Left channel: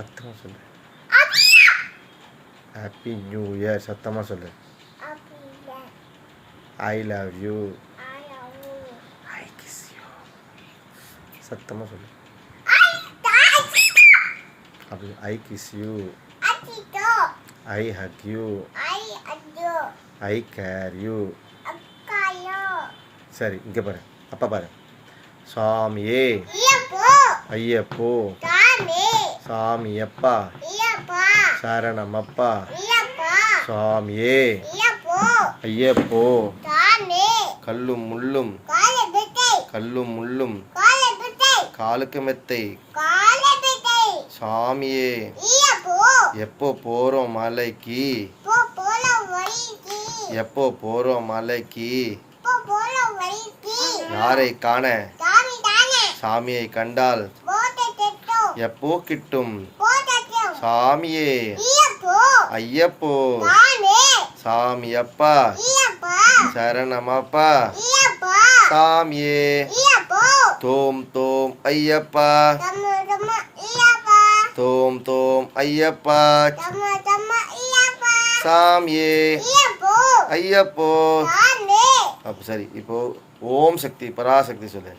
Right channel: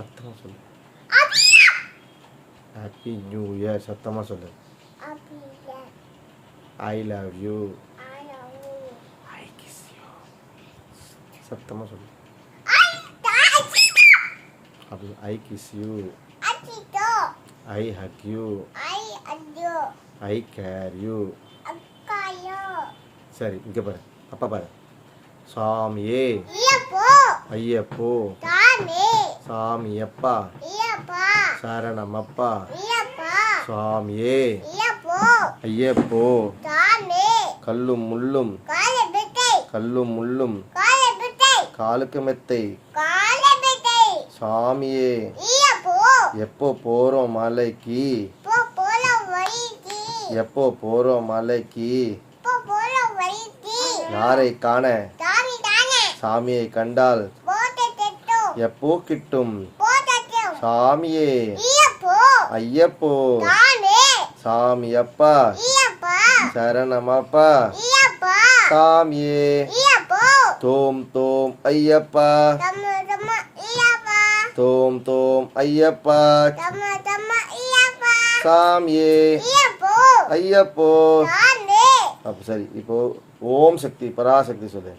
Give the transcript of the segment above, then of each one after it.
சத்தமாக சொல்லு. Happy new year. சத்தமாக சொல்லு. I love you. I kiss you. சத்தமாக சொல்லு. அப்படி ஐ kiss you. I Haq you. I care you. சரி, இங்கே பாரு, அப்பா பாரு. சாமியே. ஐயப்போ. சாமியப்பா. சரணமப்பா. சாமியே. ஐயப்போ. கல்லும் முள்ளும் கல்லும் முள்ளும் காலுக்கு மெத்தை. சாமியே. எப்போ போகிறோம் மலைக்கு? எப்போ போகிறோம் மலைக்கு? யாரை காண? சாமியை கண்டால் எப்போ கிட்டும்? சாமியே. ஐயப்போ. சாமியப்பா. சரணமப்பா. சாமியே. தோம் தோம் ஐயப்பா. தோம் தோம் ஐயப்பா. சாமியே. ஐயப்போ. அப்போ சரி, இப்போ ஓம் சக்தி பராசக்தி சொல்லு.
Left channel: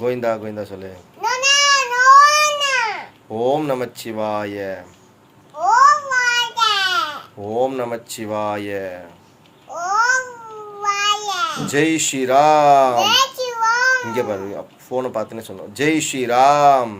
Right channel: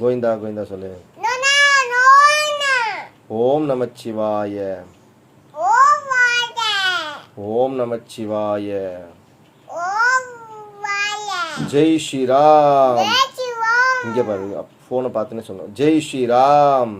கோவிந்தா கோவிந்தா சொல்லு. ஓம் நமச்சிவாய. ஓம் நமச்சிவாய. ஜெய் ஸ்ரீராம். இங்கே பாரு, ஃபோனை பார்த்துன்னு சொன்னோம். ஜெய் ஸ்ரீராம்.